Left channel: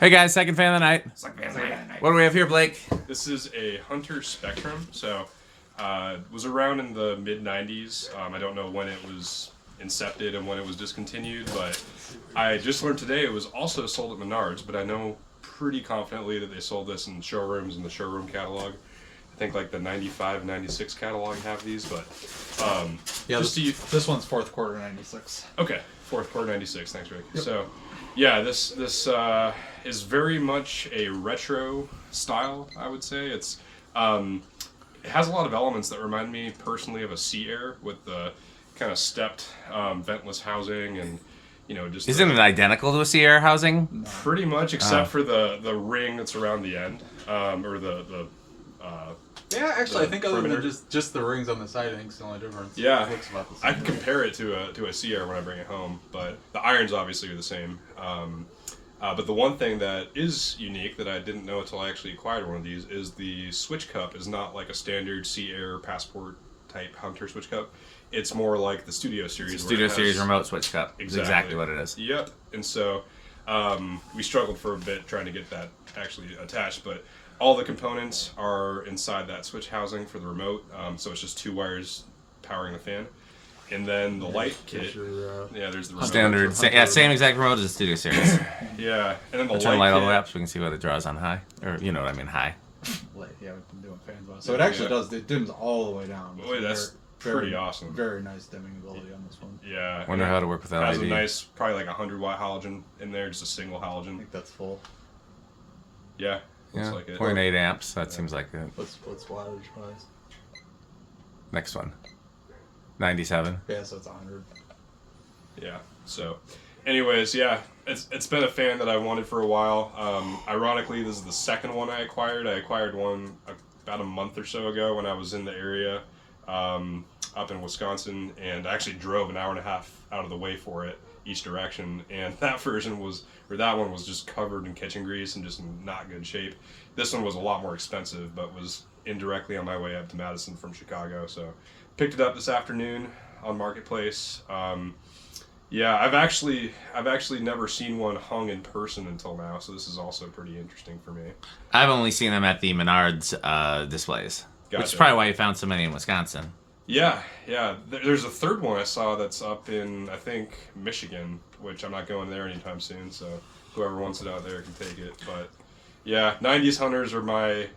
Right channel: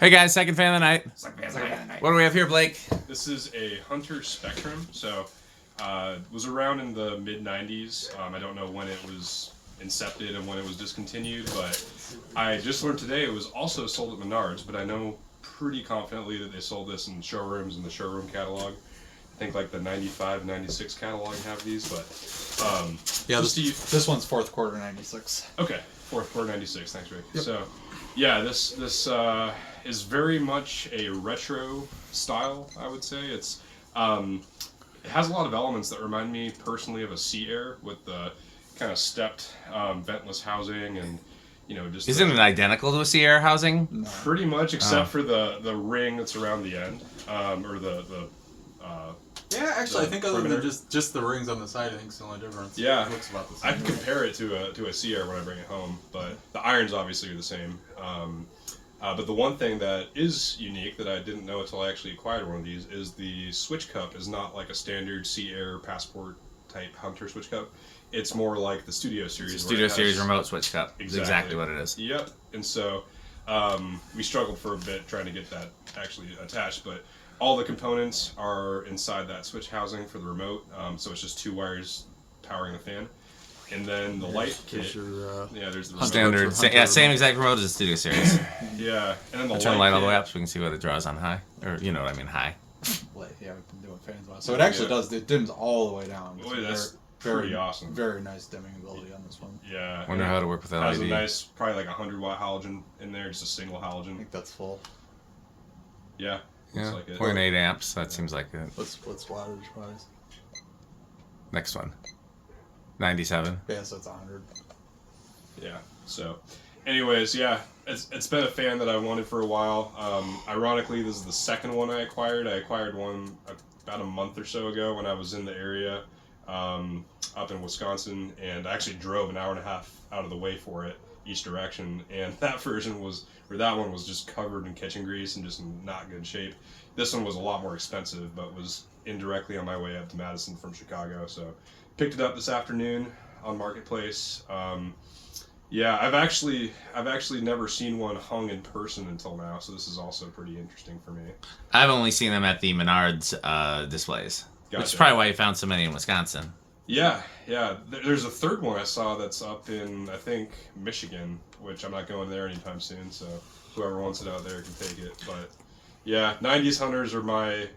Hey guys, second fan of the night. What do we have here, Blake? This is a Hunter Spectrum. So, was around in the mid '90s. I don't know when it was incepted and when it was discontinued, but I just learned today it was also sold at Menards. But I know pretty confidently that they sold this in showrooms in the showroom catalog. I think like the 95, 96 catalog have these, but yeah, this one's fourth quarter 96. Okay, fourth quarter 96. Thanks, Rick. Yep. So, yeah, this is very much a retro style. I would say it has a lot of elements that remind me personally of a Sea Air with the kind of stepped ventless housing and just. Isn't it identical to a Sea Air housing? Pretty much, except for the ring that's around the end, or the. Yeah, actually, I think other than just the rings on the side, I think it's the only difference. Yeah, it looks about the same. I'd compare it to a Sea Air when I bring it home, but the irons obviously are the same. But the one thing that is unique that I didn't know until I actually acquired one of these is the switch cup is not like a standard Sea Air Passport type Hunter switch cup. It's more like the Studio Series. It's Studio Series remote switch cup. Exactly what it is. Yep. And so we struggled for a bit trying to get that actually attached, but all the components are inside that switch housing for the remote. So it's just two wires powering the fan. And then the light kit. There's the remote. Standard. Same exact remote as the Studio Series. Yeah. And then the I'll turn the light all the way up so we can see what it draws on high. Or, you know what I mean, high. Yeah, we've been doing fans on it. So it actually does. It dims all the way down. Boy, that's pretty awesome. Very nice dimming ability on this one. Yeah. Wonder how to work with LED. Has a nice, probably like 100 watt halogen in there, just a single halogen. I think that's full. Yeah. Yeah, like 0.8 amps. That seems like it. What's wattage wise? Next one. 97. Yeah, so it's 100. Yeah. So, anyways, yeah, it's been a fan that I wanted for a while. Ironically, this is the second one I acquired. I acquired one about a month or so ago when I was in the area up in Wisconsin, and I actually drove an hour and a half out of the way for it each direction, and that one was just covered in kitchen grease and just in not good shape. This one was a lot more expensive, but was indirectly on my way up to Madison from Chicago, so picked it up this afternoon on Marketplace. I've actually never seen one hung in person until now, so this is also pretty interesting for me. I've only seen them at the Menards displays, Gotcha. which is probably why you found so many in Wisconsin. Yeah. There's a third one I saw that's up in, I think, Michigan, which I'm not going there anytime soon, so whoever wants it out there can take it. But yeah, 90s Hunters are my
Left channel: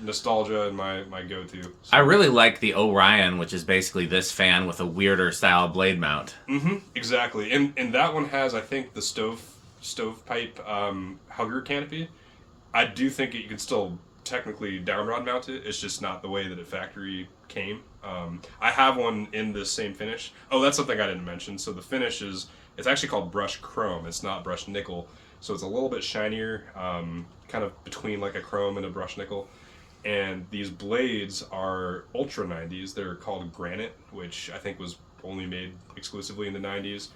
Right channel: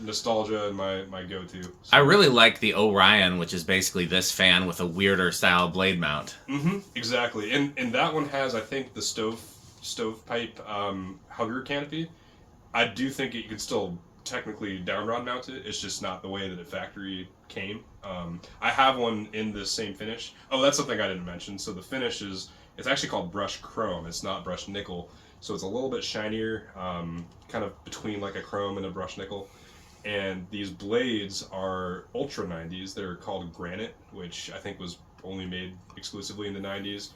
nostalgia and my go-to. So. I really like the Orion, which is basically this fan with a weirder style blade mount. Mm-hmm, exactly. And that one has, I think, the stovepipe hugger canopy. I do think you can still technically down rod mount it. It's just not the way that it factory came. I have one in this same finish. Oh, that's something I didn't mention. So the finish it's actually called brushed chrome. It's not brushed nickel. So it's a little bit shinier, kind of between like a chrome and a brushed nickel. And these blades are Ultra 90s. They're called Granite, which I think was only made exclusively in the 90s.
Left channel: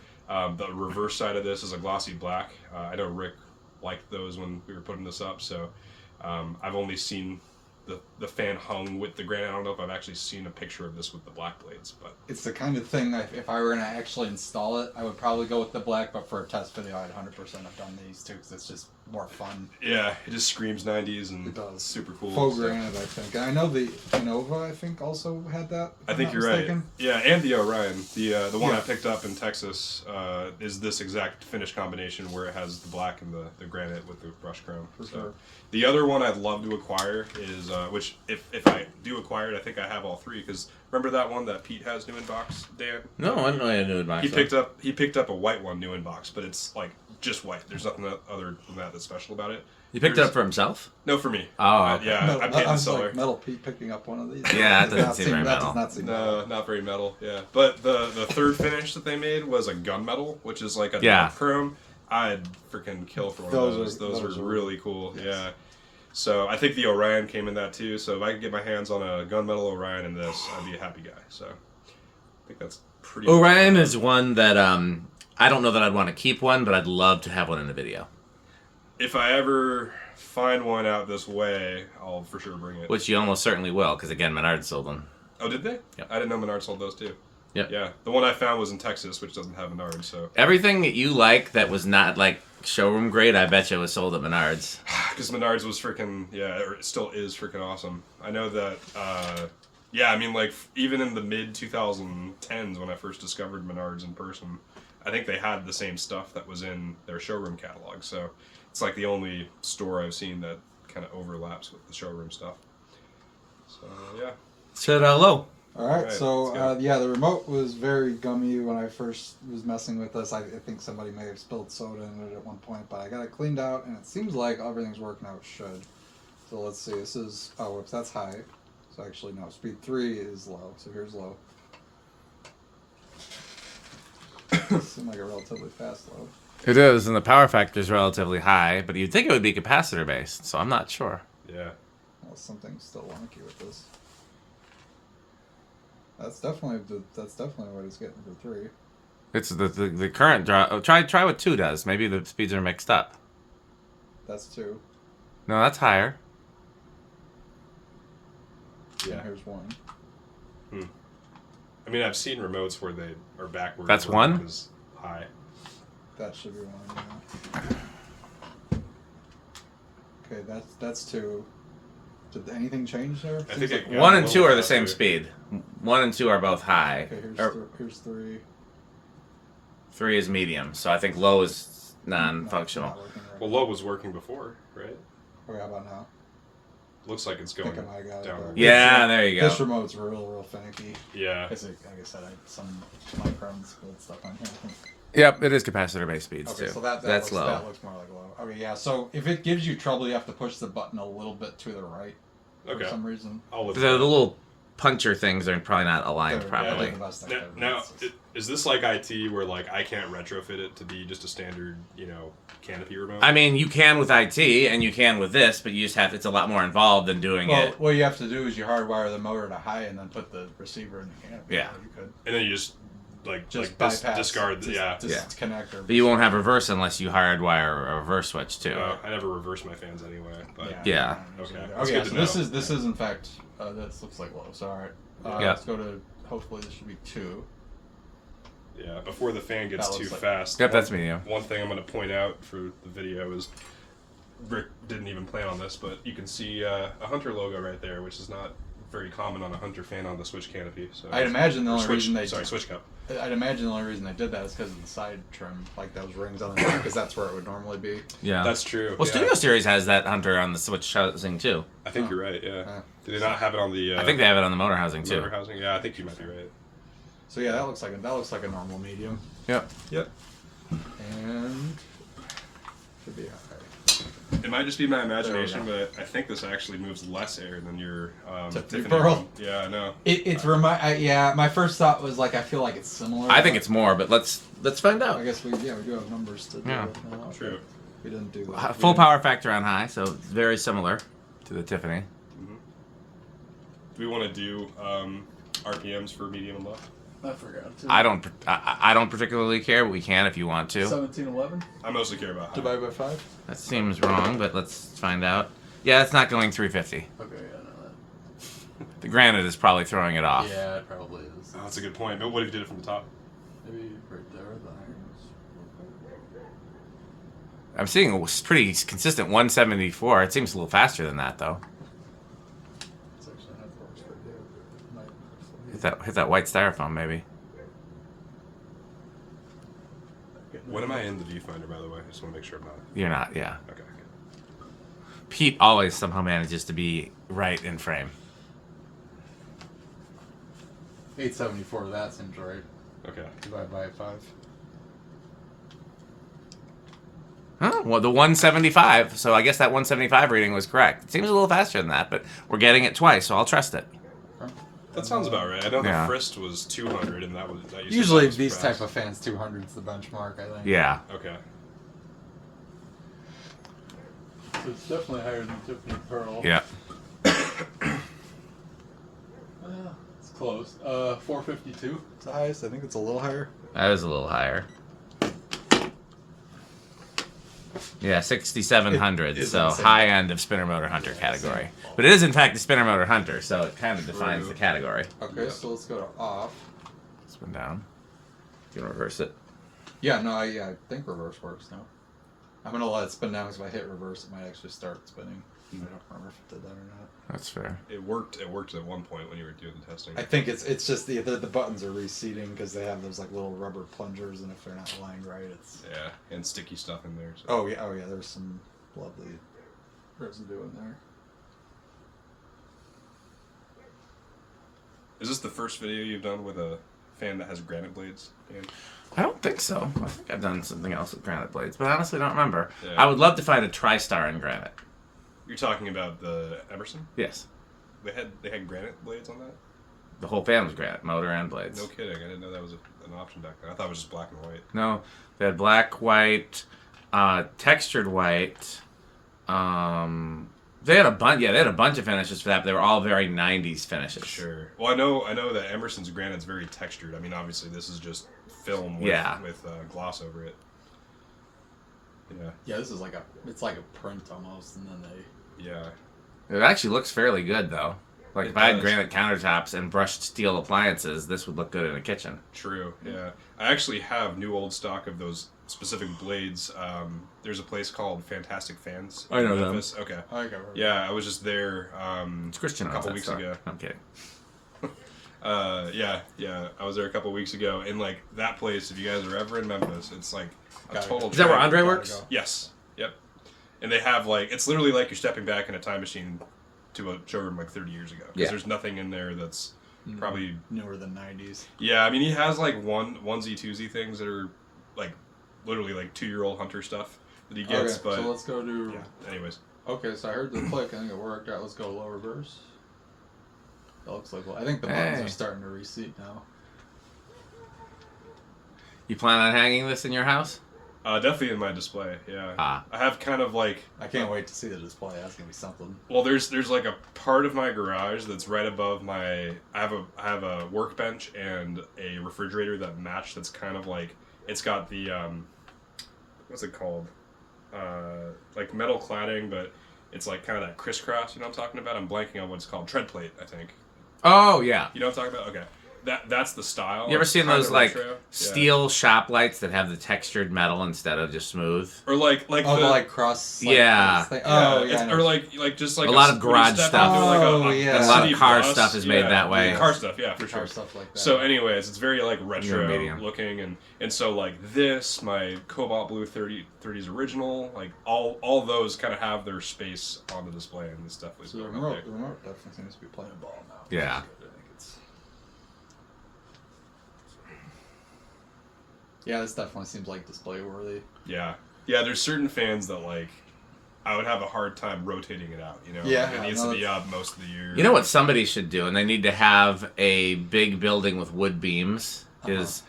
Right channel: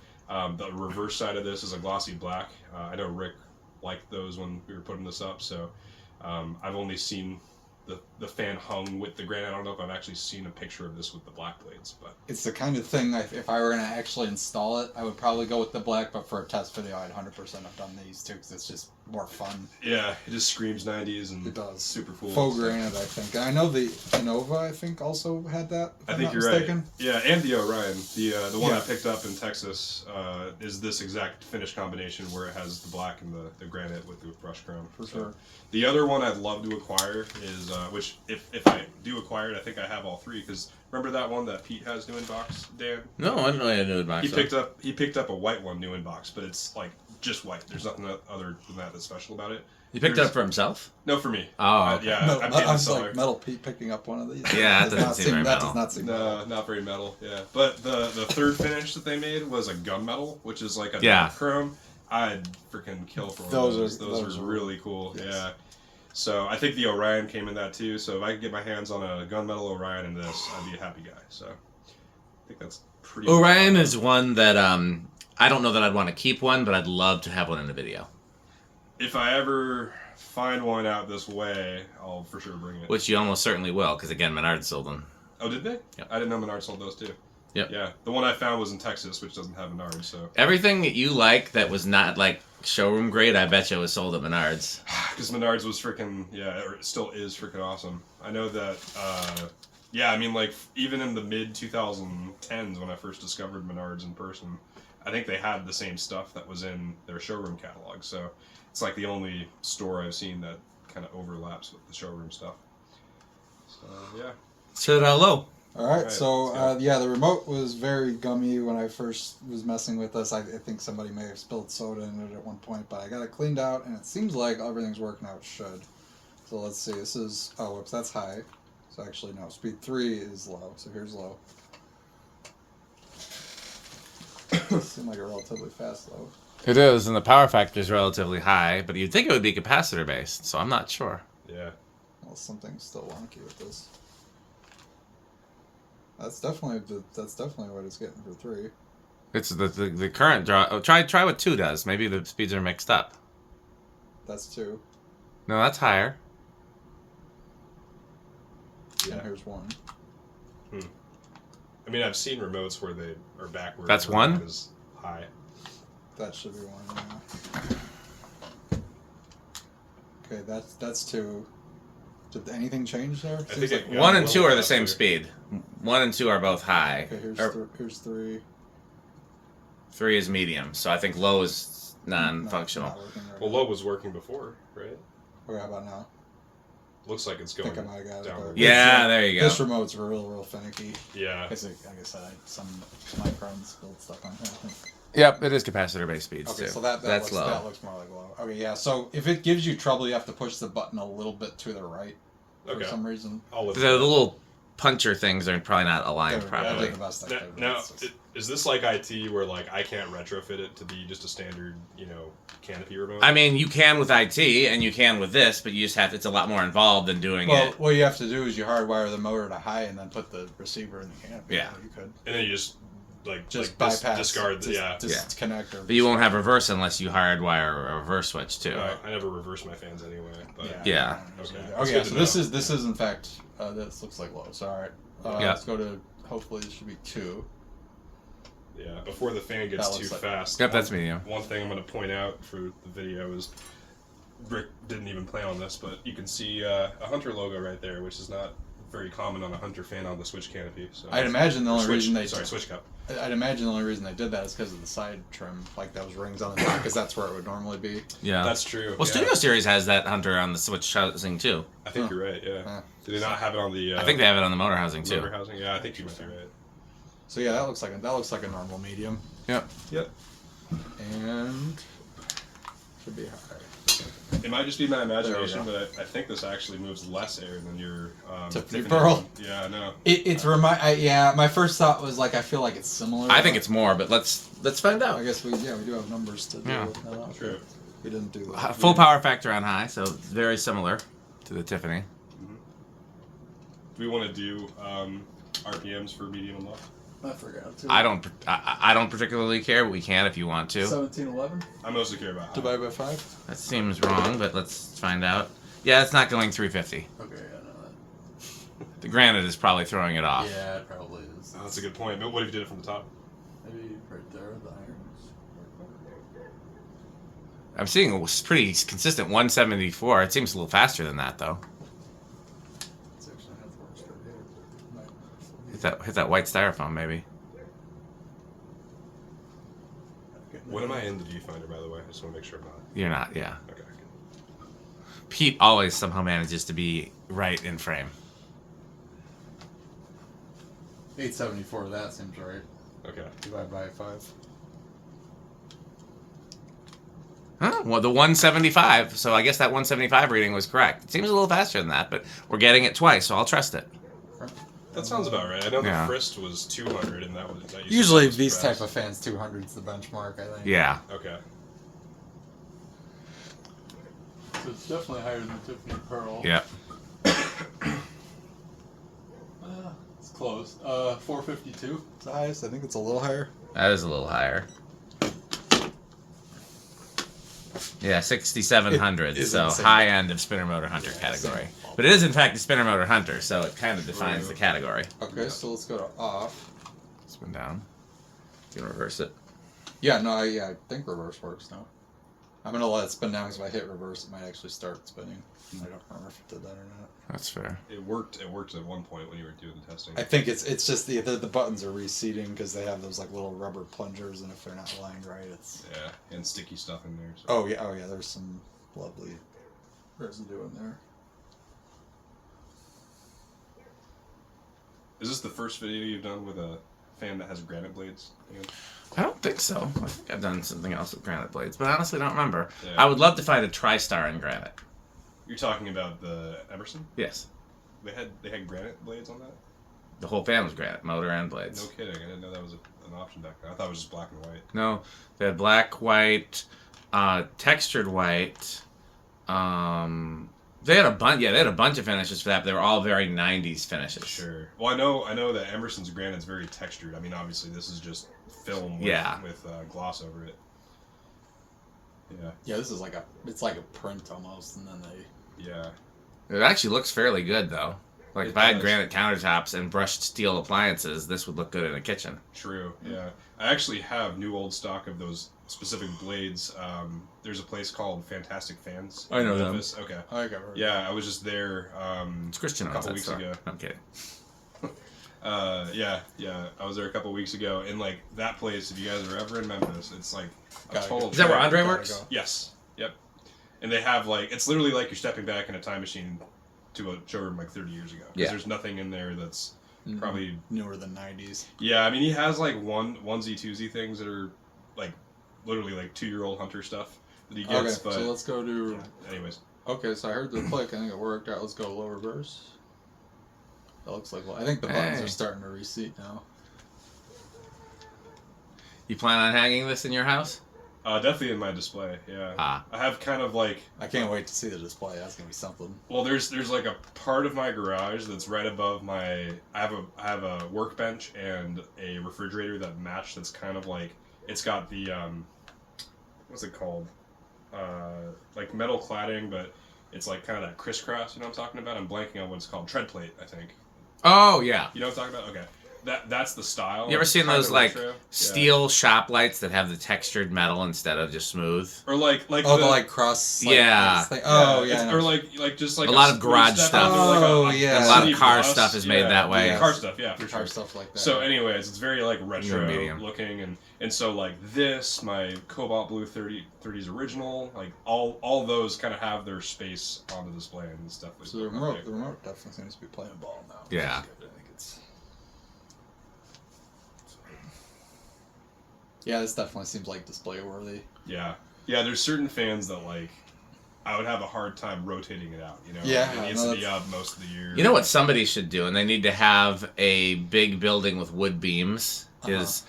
The reverse side of this is a glossy black. I know Rick liked those when we were putting this up, so I've only seen the fan hung with the Granite. I don't know if I've actually seen a picture of this with the black blades, but it's the kind of thing that if I were going to actually install it, I would probably go with the black, but for a test video, I'd 100% have done these too, because it's just more fun. Yeah, it just screams 90s and it does. Super cool. Faux Granite, I think. And I know the Innova, I think, also had that. I think you're right. Yeah, and the Orion. The one I picked up in Texas is this exact finish combination where it has the black and the Granite with the brushed chrome. For sure. The other one I'd love to acquire is, which if I do acquire it, I think I have all three, because remember that one that Pete has new in box, Dan? No, I didn't know he had new in box. He picked up a white one new in box, but it's like just white. There's nothing other than that that's special about it. You picked it up for himself? No, for me. Oh, okay. Yeah, I paid the seller. Like Metal Pete picking up one of these. Yeah, that doesn't seem very metal. That does not seem No, not very metal. Yeah, but the third finish that they made was a gunmetal, which is like a dark chrome. I'd freaking kill for one of those. Those were really cool. Yes. Yeah. So I think the Orion came in that too. So if I could get my hands on a gunmetal Orion in this, I'd be a happy guy. So I think that's pretty. Orion is one that I don't know that I'd want to keep one, but I'd love to have one in the video. If I ever find one out this way, I'll for sure bring it. Which you almost certainly will, because again, Menards sold them. Oh, did they? Yep. I didn't know Menards sold those too. Yep. Yeah, the one I found was in Texas, which doesn't have Menards. So Everything that you like that was not like showroom grade, I bet you was sold at Menards. because Menards was freaking or it still is freaking awesome. I know that. Yeah, I mean, like even in the mid 2010s when I first discovered Menards in person, I think they had the same stuff that was in their showroom catalog. So it's like the only store I've seen that kind of overlaps with the showroom stuff. So yeah. Said hello. All right, Alright, so let's go. yeah, the remote was very gummy when I first was messing with this. I think somebody may have spilled soda in it at one point, but I got it cleaned out, and it seems like everything's working how it should. So let's see. This is whoops, that's high. So actually no, speed 3 is low. So here's low. Seemed like a relatively fast low. It is, and the power factor is relatively high, but you'd think it would be capacitor based, so I'm not sure. Yeah. Well, something's still wonky with this. That's definitely what it's getting for 3. It's the current draw. Oh, try what 2 does. Maybe the speeds are mixed up. That's 2. No, that's higher. Yeah, here's 1. I mean, I've seen remotes where they are backwards. That's where 1? it was high. That should be 1. Yeah. Okay, that's 2. Did anything change there? I Seems think like it- 1 and 2 are the that's same weird. speed. 1 and 2 are both high. Okay, here's 3. 3 is medium, so I think low is non-functional. Not working right Well, now. low was working before, right? Okay, how about now? Looks like it's I going think I might have got it. downward. but Yeah, there you go. This remote's real finicky. Yeah. Like I said, some microns spilled stuff on here. I think. Yep, it is capacitor based speeds Okay, too. so that that's looks, low. That looks more like low. Okay, yeah. So if it gives you trouble, you have to push the button a little bit to the right for Okay. some reason. I'll look The at it. little puncher things are probably not aligned They're- properly. they're the best I Now, could. now, It's- is this like IT where like I can't retrofit it to be just a standard, canopy remote? I mean, you can with IT and you can with this, but you just have it's a lot more involved than doing Well, it. what you have to do is you hardwire the motor to high and then put the receiver in the canopy. Yeah. You could and then you just bypass, discard. disconnect. Or But you won't have reverse unless you hardwire a reverse switch too. I never reverse my fans anyway. But Yeah. Okay. That's Okay, good so to this know. is in fact this looks like low. So all right, Yeah. let's go to hopefully this should be 2. Yeah. Before the fan gets That too looks like- fast. Yep, that's medium. One thing I'm going to point out for the video is Rick didn't even plan on this, but you can see a Hunter logo right there, which is not very common on a Hunter fan on the switch canopy. So I'd imagine the only reason they switch cup. I'd imagine the only reason they did that is because of the side trim, like those rings on the back, because that's where it would normally be. Yeah. That's true. Well, yeah. Studio Series has that Hunter on the switch housing too. I think you're right. Yeah. Yeah. Do they not have it on the? I think they have it on the motor housing too. motor housing. Yeah, I think you might be right. So yeah, that looks like a normal medium, Yep. Yep. and should be high. It might just be my imagination, but I think this actually moves less air than your Tiffany Tiffany Pearl. one. Yeah, I know. My first thought was like I feel like it's similar. I think it's more, but let's find I out. guess we do have numbers to do. Yeah. It. True. We didn't do that. Full power factor on high, so very similar to the Tiffany. Do we want to do RPMs for medium and low? I forgot to. I don't particularly care, but we can if you want to. 1711 I mostly care about high. divided by 5. That seems wrong, but let's find out. Yeah, it's not going 350. Okay, yeah, no, The granite is probably throwing it off. yeah, it probably is. Oh, that's a good point. But what if you did it from the top? Maybe right there, the irons. I'm seeing a pretty consistent 174. It seems a little faster than that, though. It's actually half works, but yeah. Hit that white styrofoam, maybe. When am I in the viewfinder, by the way? I just want to make sure I'm not. You're not, yeah. Okay. Pete always somehow manages to be right in frame. 874, that seems right. Okay. Divided by 5. Huh? Well, the 175. So I guess that 175 reading was correct. It seems a little faster than that, but we're getting it twice, so I'll trust it. That sounds about right. I know Yeah. the Frist was 200, and that was that used to Usually sound these fast. type of fans, 200's the benchmark, I think. Yeah. Okay. So it's definitely higher than Tiffany Pearl. Yeah. It's close. 452. It's the highest. I think it's a little higher. That is a little higher. Yeah, 6,700. It is So insane. high end of spinner motor hunter category. But it is in fact a spinner motor hunter, so it kind of defines the category. Okay, so let's go to off. one down. You can reverse it. Yeah, no, I think reverse works now. I'm gonna let it spin down because if I hit reverse, it might actually start spinning. I don't remember if it did that or not. That's fair. It worked. It worked at one point when you were doing the testing. I think it's just the buttons are reseating because they have those like little rubber plungers, and if they're not aligned right, it's Yeah, and sticky stuff in there. So. oh yeah. There's some lovely residue in there. Is this the first video you've done with a fan that has granite blades? Ian? I don't think so. I think I've done something else with granite blades, but I honestly don't remember. Yeah. I would love to find a TriStar in granite. You're talking about the Emerson? Yes. They had granite blades on that? The whole fan was granite, motor and blades. No kidding. I didn't know that was an option back then. I thought it was just black and white. No, they had black, white, textured white. They had a bunch. Yeah, they had a bunch of finishes for that. But they were all very '90s finishes. Sure. Well, I know that Emerson's granite's very textured. I mean, obviously this is just film with gloss over it. Yeah. Yeah, this is it's like a print almost, and then they. Yeah. It actually looks fairly good though. Like It if I had does. granite countertops and brushed steel appliances, this would look good in a kitchen. True. Yeah. I actually have new old stock of those specific blades. There's a place called Fantastic Fans. I know in them. Memphis. Okay. Okay. Yeah, I was just there. It's Christian a owns couple that weeks store. ago. I'm kidding. Yeah. I was there a couple weeks ago, and like that place. If you guys are ever in Memphis, it's like a Gotta total. go. Is that where trip. Andre Gotta works? go. Yes. Yep. And they have it's literally like you're stepping back in a time machine to a showroom like 30 years ago. Because Yeah. there's nothing in there that's probably newer than '90s. Yeah, I mean he has like onesie twosie things that are like literally like 2-year-old hunter stuff that he gets. Okay, But so let's go to. yeah, anyways, Okay, so I heard the click. I think it worked out. Let's go low reverse. That looks like. I think the buttons Hey. are starting to reseat now. You plan on hanging this in your house? definitely in my display. Yeah, Ah. I have kind of like I can't wait to see the display. That's gonna be something. well, there's like a part of my garage that's right above my. I have a workbench and a refrigerator that match. That's kind of like it's got the what's it called? Like metal cladding, but it's like kind of that crisscross. You know what I'm talking about? I'm blanking on what it's called. Tread plate, I think. Oh yeah. You know what I'm talking about? Okay. That's the style. You ever seen Kinda those like retro. Yeah. steel shop lights that have the textured metal instead of just smooth? Or like Oh, the, the like cross. Yeah. Thing. Oh it's- yeah. I know. or like just like A lot of when you garage step stuff. into, like, Oh, yeah. And a lot of city car bus. stuff is made that way. Yeah. Car stuff, yeah, for car sure. stuff like that. So, anyways, it's very like retro medium. looking, and so like this, my Cobalt Blue 30s original, like all those kind of have their space on the display and stuff. So the remote definitely seems to be playing ball now. Yeah. That's good. I think it's. Yeah, this definitely seems like display worthy. Yeah, there's certain fans that like. I would have a hard time rotating it out, you know. Yeah, it needs no, to be up most of the year. You know what somebody should do, and they need to have a big building with wood beams, is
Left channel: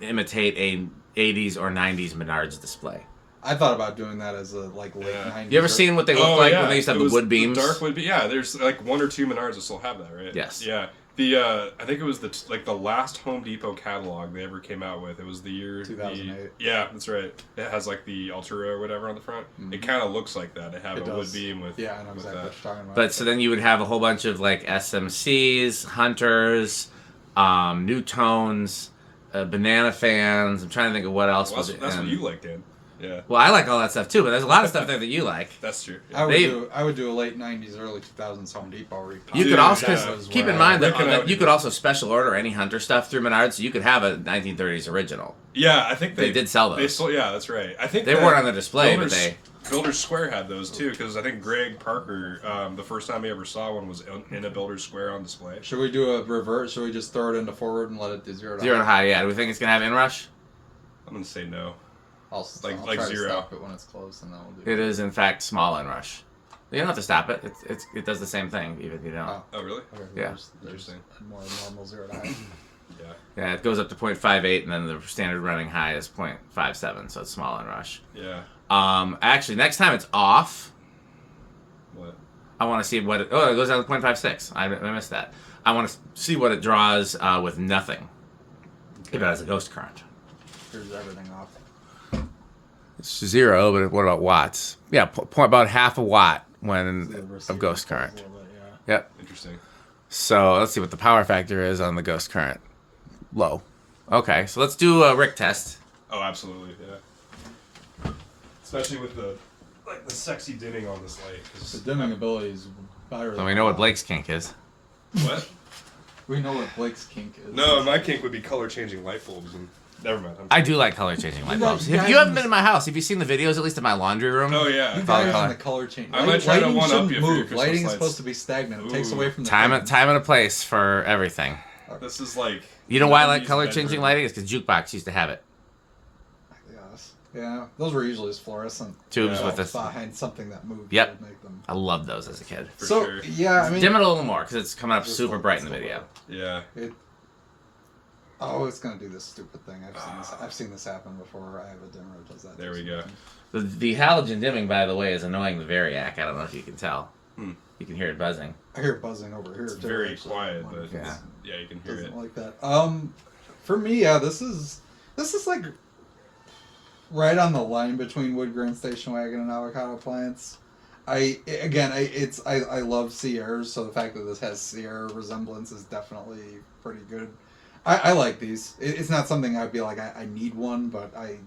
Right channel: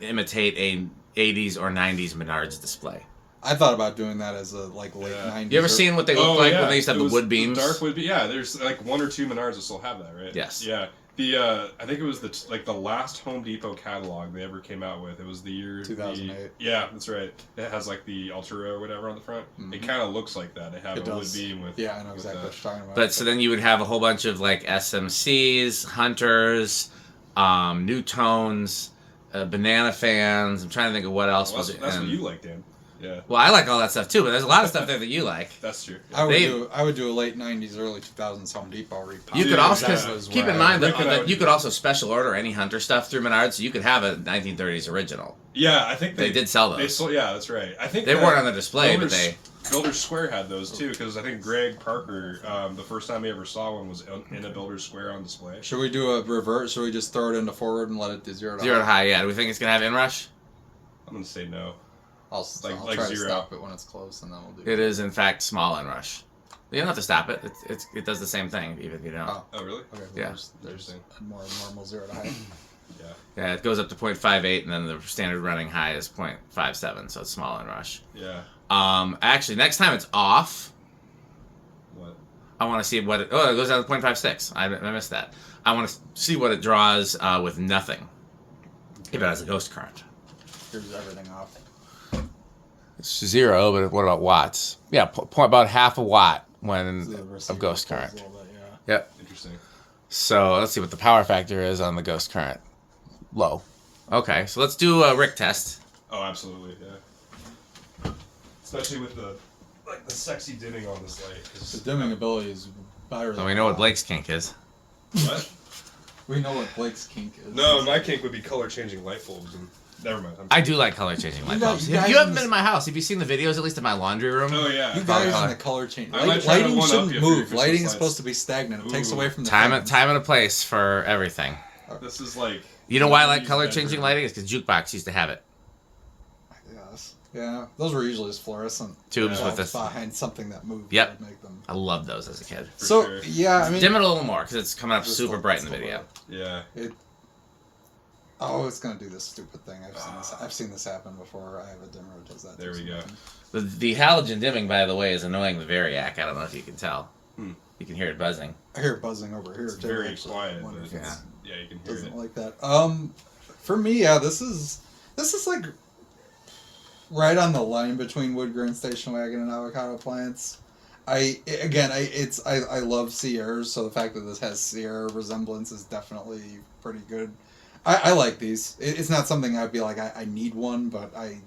imitate a 80s or 90s Menards display. I thought about doing that as a late Yeah. '90s. You ever seen what they look like when they used to have It the was wood beams? Dark wood beams. Yeah, there's like 1 or 2 Menards that still have that, right? Yes. Yeah. The I think it was the last Home Depot catalog they ever came out with. It was the year 2008. Yeah, that's right. It has like the Altura or whatever on the front. It kind of looks like that. They have It a wood does. beam with. Yeah, I know with exactly that. what you're talking about. But so then you would have a whole bunch of like SMCs, Hunters, New Tones, banana fans. I'm trying to think of what else Well, was that's, it. that's what and- you like, Dan. Yeah, Well, I like all that stuff too, but there's a lot of stuff there that you like. that's true. I Yeah. would do a late '90s, early 2000s Home Depot repop. You Dude, could also yeah. cause keep in mind Look at that how- you could also special order any Hunter stuff through Menards, so you could have a 1930s original. Yeah, I think They did sell They those. sold, yeah, that's right. I think They that weren't on the display, but Builders- they. Builders Square had those too, because I think Greg Parker, the first time he ever saw one was in a Builders Square on display. Should we do a reverse? Should we just throw it into forward and let it do 0 to Zero to high? high, yeah. Do we think it's gonna have inrush? I'm gonna say no. I'll like try 0. to stop it when it's close, and then we'll do It is in fact small inrush. You don't have to stop it. It does the same thing even if you don't. Oh. Oh, really? Okay, Yeah. There's Interesting. a more normal 0 to high. Yeah. Yeah, it goes up to 0.58, and then the standard running high is 0.57, so it's small inrush. Yeah. Actually, next time it's off, What? I want to see what it. Oh, it goes down to 0.56. I missed that. I want to see what it draws with nothing. If it has a ghost current. Here's everything off. It's 0, but what about watts? Yeah, about half a watt So the when receiver of ghost pulls a current. little bit, yeah. Yep. Interesting. So let's see what the power factor is on the ghost current. Low. Okay, so let's do a Rick test. Oh, absolutely, yeah. Especially with the sexy dimming on this light. The dimming ability is virally. Well, we know what Blake's kink is. What? We know what Blake's kink is. No, my kink would be color changing light bulbs, and never mind. I do like color changing light bulbs. You You guys haven't in been in my house. Have you seen the videos, at least in my laundry room? Oh yeah. You Color, guys color. in the color change. I'm not trying to Lighting one-up shouldn't you for move. your Christmas Lighting is lights. supposed to be stagnant. It takes Ooh. away from the Time thing. and a place for everything. This is like. You know why I like Use color that changing version. lighting? Is because Jukebox used to have it. Yes. Yeah. Those were usually just fluorescent Tubes Yeah. with bulbs this. behind something that moved. Yep. That would make them. I loved those as a kid. For So sure. yeah, I mean, Dim it a little more because it's coming up Just super like bright in the this. video. Yeah. it's gonna do this stupid thing. I've seen this happen before. I have a dimmer that does that. There we go. The halogen dimming, by the way, is annoying the Variac. I don't know if you can tell. You can hear it buzzing. I hear it buzzing over here. It's too, very actually. quiet, I wonder but if it's- yeah, you can hear doesn't it. like that. For me, yeah, this is like right on the line between wood grain station wagon and avocado plants. I love Sierras, so the fact that this has Sierra resemblance is definitely pretty good. I like these. It's not something I'd be like I need one, but I'm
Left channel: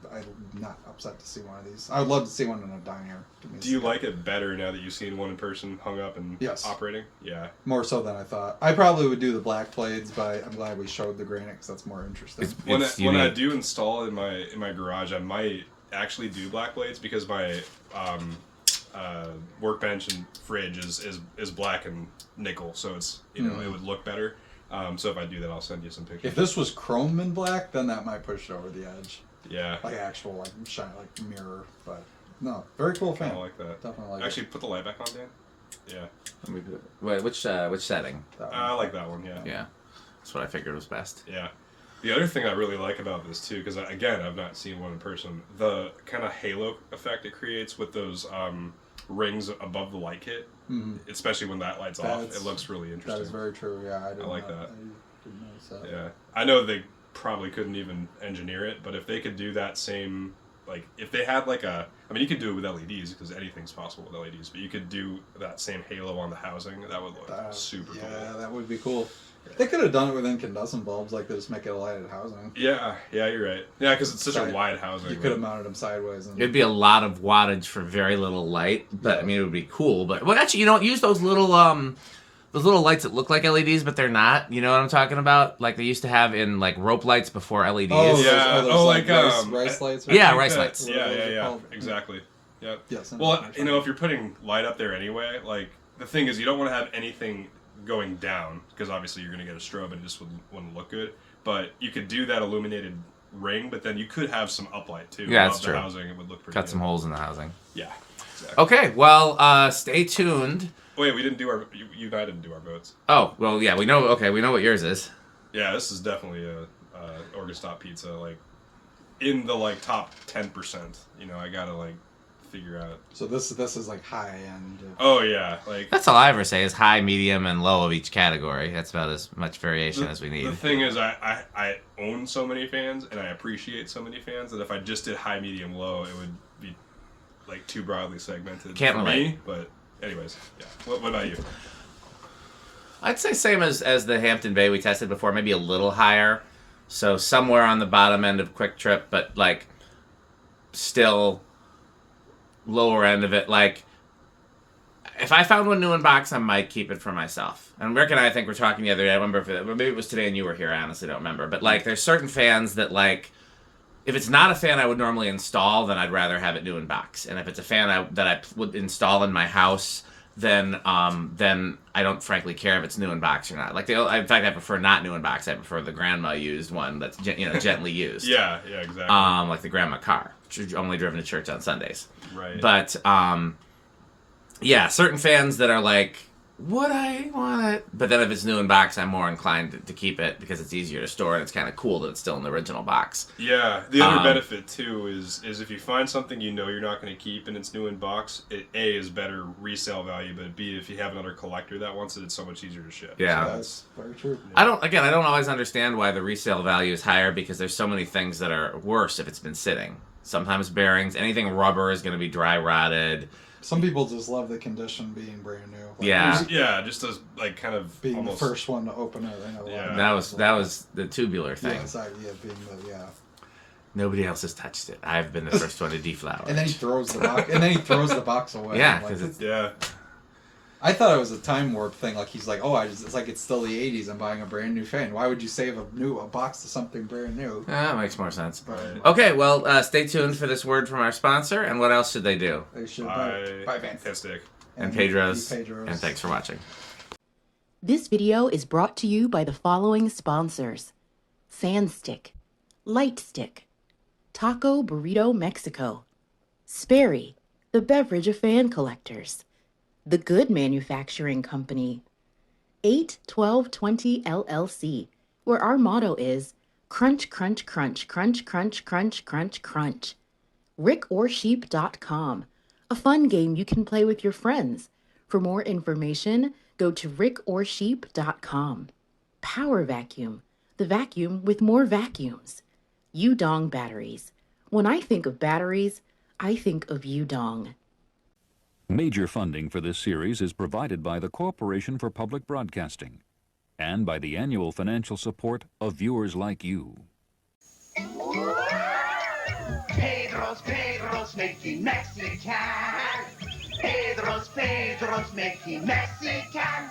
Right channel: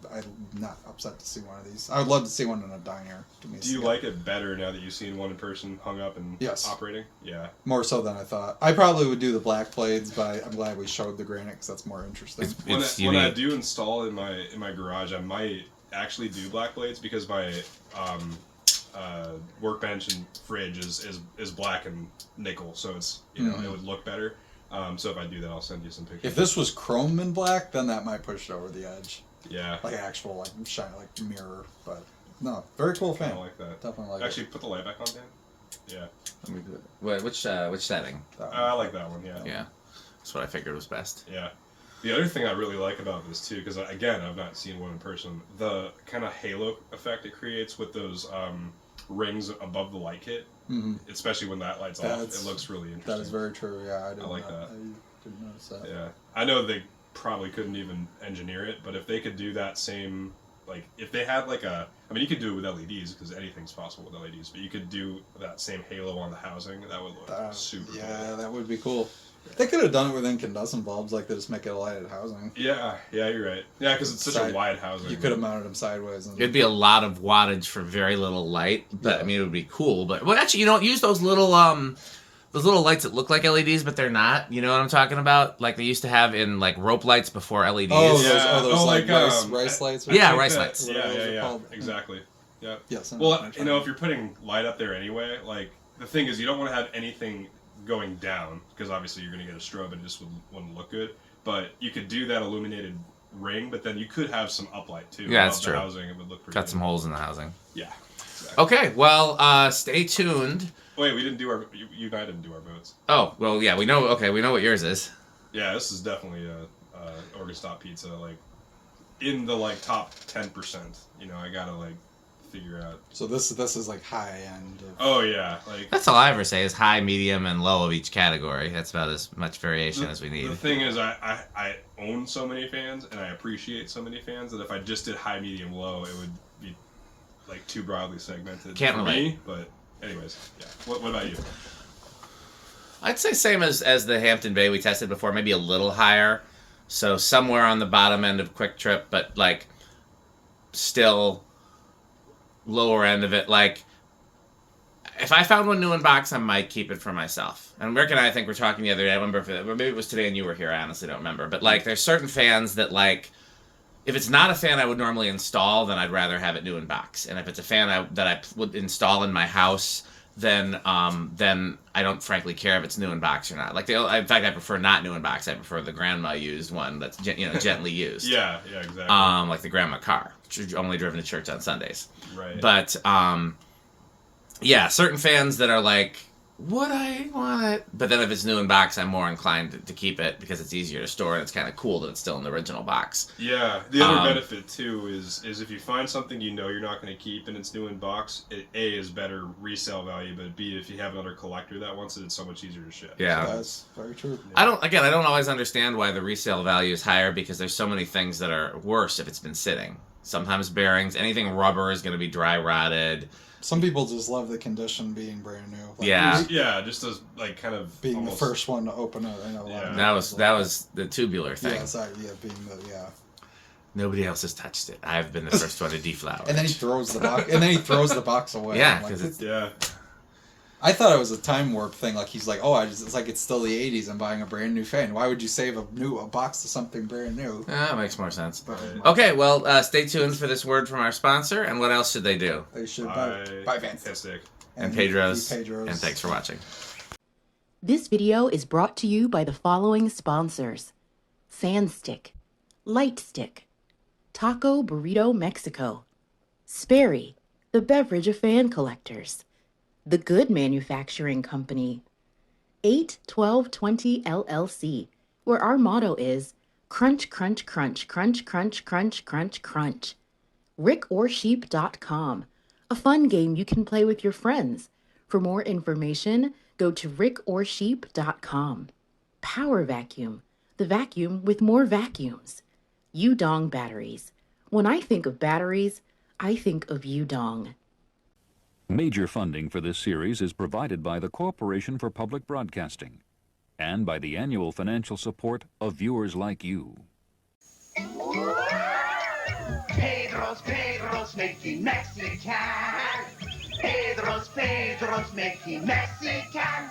not upset to see one of these. I would love to see one in a diner. Do you like it better now that you've seen one in person hung up and Yes. operating? Yeah. More so than I thought. I probably would do the black blades, but I'm glad we showed the granite because that's more interesting. When It's when I unique. do install in my garage, I might actually do black blades because my workbench and fridge is black and nickel, so it's it would look better. So if I do that, I'll send you some pictures. If this was chrome and black, then that might push it over the edge. Yeah. Like actual like shine like mirror, but no, very cool I fan. like that. Definitely like Actually, put the light back on, Dan. Yeah. Let me do it. Wait, which setting? it. That one. I like that one. Yeah. Yeah, that's what I figured was best. Yeah. The other thing I really like about this too, because again, I've not seen one in person, the kind of halo effect it creates with those rings above the light kit, especially when that light's off, it looks really interesting. That is very true. Yeah, I like that. I didn't notice that. Yeah, I know they probably couldn't even engineer it, but if they could do that same, like if they had like I mean, you could do it with LEDs because anything's possible with LEDs, but you could do that same halo on the housing. That would look super cool. Yeah, that would be cool. They could have done it with incandescent bulbs, like they just make it a lighted housing. Yeah, you're right. Yeah, because it's such Sorry. a wide housing. You could have mounted them sideways. And It'd be a lot of wattage for very little light, but I mean, it would be cool. But well, actually, you don't use those little lights that look like LEDs, but they're not. You know what I'm talking about? Like they used to have in like rope lights before LEDs. Yeah. like like, rice lights. Or Yeah, something? rice lights. Yeah, called. exactly. Yeah. Yes. Well, if you're putting light up there anyway, like the thing is, you don't want to have anything going down because obviously you're going to get a strobe and it just wouldn't look good. But you could do that illuminated ring, but then you could have some uplight too. Yeah, that's above the true. Housing, it would look pretty Cut good. some holes in the housing. Yeah. Exactly. Okay, well, stay tuned. Wait, we didn't do our. You and I didn't do our votes. Oh, well, yeah, we know. Okay, we know what yours is. Yeah, this is definitely a Orgastop pizza. Like in the like top 10%. You know, I gotta like figure out. So this is like high end. Oh yeah, like That's all I ever say is high, medium, and low of each category. That's about as much variation as we the need. thing is, I own so many fans and I appreciate so many fans that if I just did high, medium, low, it would be like too broadly segmented Can't for relate. me. But anyways, yeah. What about you? I'd say same as the Hampton Bay we tested before, maybe a little higher. So somewhere on the bottom end of Quick Trip, but like still lower end of it. Like if I found one new in box, I might keep it for myself. And Rick and I think we're talking the other day. I remember maybe it was today and you were here. I honestly don't remember. But like there's certain fans that like if it's not a fan I would normally install, then I'd rather have it new in box. And if it's a fan that I would install in my house, then I don't frankly care if it's new in box or not. Like in fact, I prefer not new in box. I prefer the grandma used one that's gently used. Yeah, exactly. Like the grandma car, only driven to church on Sundays. Right. But yeah, certain fans that are like, would I want it? But then if it's new in box, I'm more inclined to keep it because it's easier to store and it's kind of cool that it's still in the original box. Yeah, the other benefit too is if you find something you know you're not going to keep and it's new in box, it A is better resale value, but B if you have another collector that wants it, it's so much easier to ship. Yeah. That's very true. I don't always understand why the resale value is higher because there's so many things that are worse if it's been sitting. sometimes bearings. Anything rubber is going to be dry rotted. Some people just love the condition being brand new. Like, Yeah. Yeah, just as like kind of being almost, the first one to open it. I know. Yeah. That was the tubular thing. Yeah, sorry, yeah, being the Nobody else has touched it. I've been the first one to deflower. And then he throws the box. And then he throws the box away. Yeah, Like, because it's Yeah. I thought it was a time warp thing. Like he's like, oh, it's like it's still the '80s. I'm buying a brand new fan. Why would you save a box to something brand new? that makes more sense. Right. Okay, well, stay tuned for this word from our sponsor. And what else should they do? They should buy fans. Fantastic. And Pedro's. Pedro's. And thanks for watching. This video is brought to you by the following sponsors: Sandstick, Lightstick, Taco Burrito Mexico, Sperry, the beverage of fan collectors, The Good Manufacturing Company, 81220 LLC, where our motto is crunch, crunch, crunch, crunch, crunch, crunch, crunch, crunch. rickorsheep.com, a fun game you can play with your friends. For more information, go to rickorsheep.com. Power Vacuum, the vacuum with more vacuums. Udong Batteries. When I think of batteries, I think of Udong. Major funding for this series is provided by the Corporation for Public Broadcasting and by the annual financial support of viewers like you. Pedro's making Mexican. Pedro's making Mexican.